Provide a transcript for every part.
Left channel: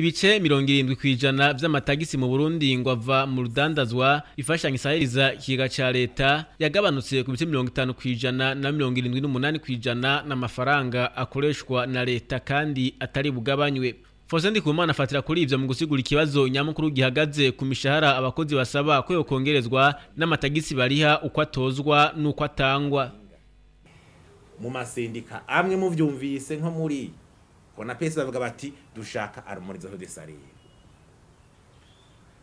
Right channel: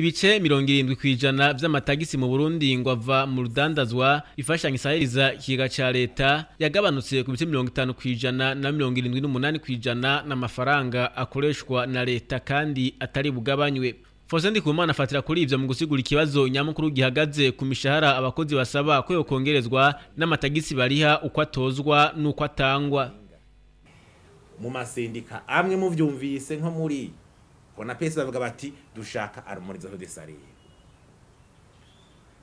Ibice 70% vy'amatagisi mu Burundi ngo ava mu rudandazwa ifashanya isahiriza ikiga ca leta yagabanutse ku bice 50% na 78% n'amafaranga akoreshwa na leta kandi atari bugabanywe. Faustin Ndikumana afatira kuri ivyo mu gusigura ikibazo nyamukuru gihagaze ku mishahara abakozi basaba ko yokongerezwa n'amatagisi bariha uko atozwa nuko atangwa. Mu masendika amwe mu vyumvise nko muri Kona pesa bavuga bati dushaka harmonisation des salaires.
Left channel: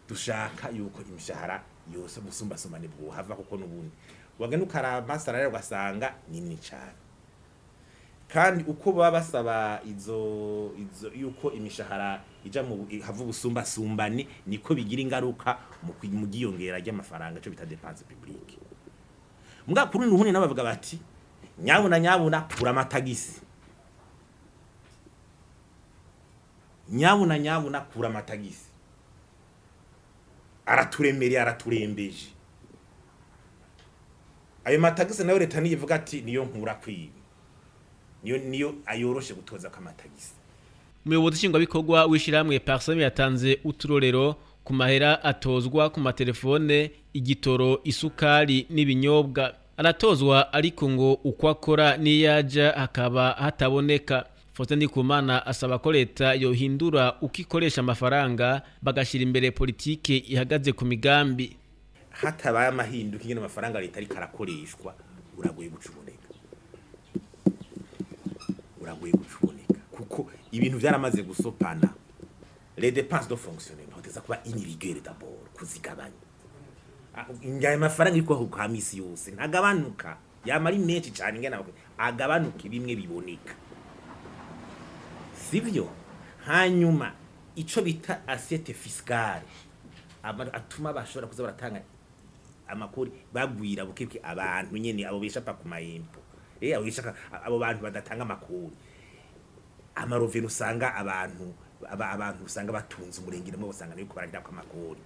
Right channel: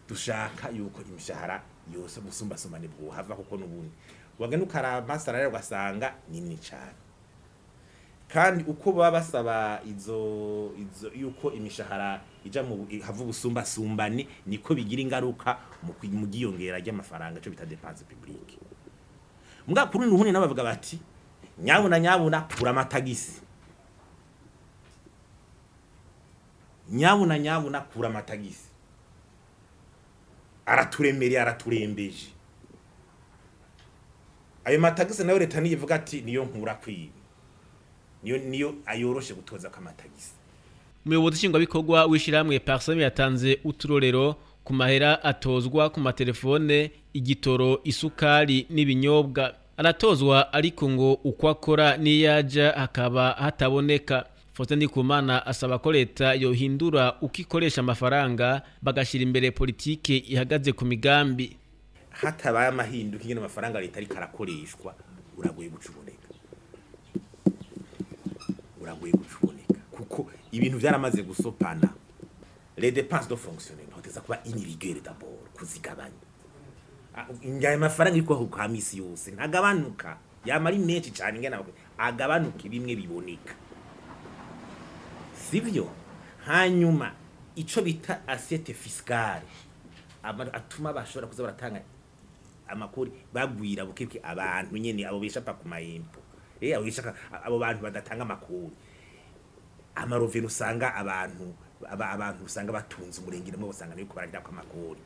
Dushaka yuko imishahara yose musumbasomane bwo hava kuko nubundi. Wagenda ukaraba salary ugasanga nini cyane. Kandi uko baba basaba izo yuko imishahara ija mu hava ubusumbasumbane niko bigira ingaruka mu giyongera ry'amafaranga cyo bita dépense publique. Mbwa kuri nuhuni nabavuga bati nyabuna pura amatagisi. Nyabuna kura amatagisi araturemere araturembeje ayo matagisi nayo leta niyivuga ati niyo nkura kwiba niyo ayoroshe gutoza kamatagisi. Umuyobozi nshingwa bikorwa wishiramwe Parseme yatanze uturorero ku mahera atozwa ku matelefone, igitoro, isukari n'ibinyobwa. Aratozwa ariko ngo uko akora niyaja hakaba hataboneka. Faustin Ndikumana asaba ko leta yohindura ukikoresha amafaranga bagashira imbere politike ihagaze ku migambi. Hatabaye amahinduka ingene amafaranga leta ari karakoreshwa uragoye gucuboneka. Kuko ibintu byaramaze gusopana. Les dépenses de fonctionnement hoteza kuba inirigueur d'abord kuzigabanya. Ingaye amafaranga iko ku kamisi yose ntagabanuka yamari menshi cyane ingene agabanuka bimwe biboneka. Sivyo hanyuma ico bita assiette fiscale atuma bashobora kuza baratanga amakori bagwira bukebwe abantu nyene abo bishapa ku mayempo abo bishaka abo bantu badatanga amakori amarovero usanga abantu usanga batunze umurengire mu usanga niko bararira ku amakori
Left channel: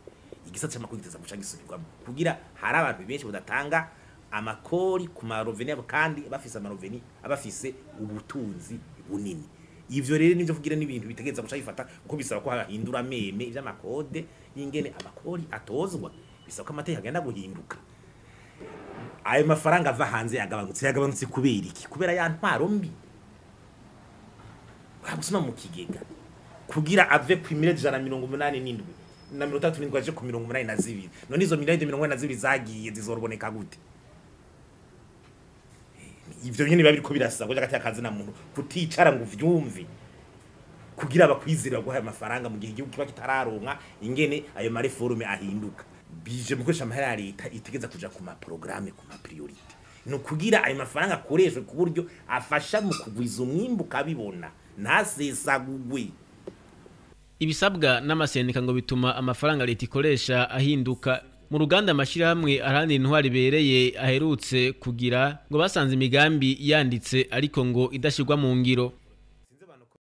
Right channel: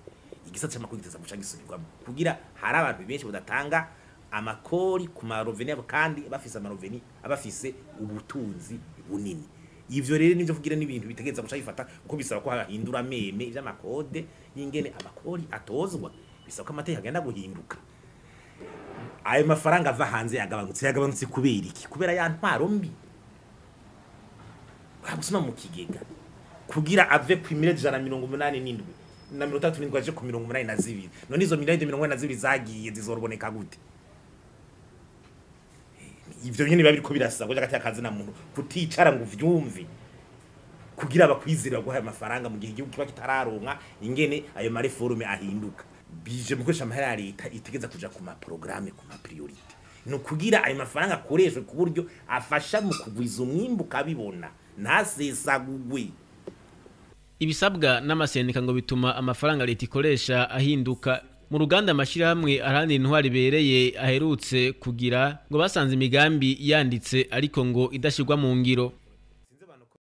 igisatse amakori giteza guca gisubirwa kugira hari abantu benshi badatanga amakori ku maroveni yabo kandi bafise amaroveni abafise ubutunzi bunini. Ivyo rero nivyo kugira n'ibintu bitegeza guca bifata uko bisaba ko hahindura meme ivy'amakode y'ingene amakori atozwa bisaba ko amateka agenda guhinduka. Ayo mafaranga ava hanze yagabanutse kubera iki? Kubera ya ntwaro mbi. Bagusoma mu kigega kugira ave ku 187 na 37 aje ku 182 none izo 182 zagiye zizoroboneka gute? Ivyo nyene babiriko birasaba gati akazi na muntu kuticara ngo vyumve kugira abakwizira guha amafaranga mu gihe igihugu kiba kitararonka ingene ayo mareforme ahinduka bije mu kwesha amahera leta itegeza kuja ku ma programme ku ma priority no kugira ayo mafaranga akoreshwe ku buryo afasha mu kugwiza umwimbu kabibona ntasesagugwe. Ibisabwa n'amasendika ngo bituma amafaranga leta ikoresha ahinduka. Mu ruganda amashirahamwe arandi intwari bereye aherutse kugira ngo basanze imigambi yanditse ariko ngo idashirwa mu ngiro.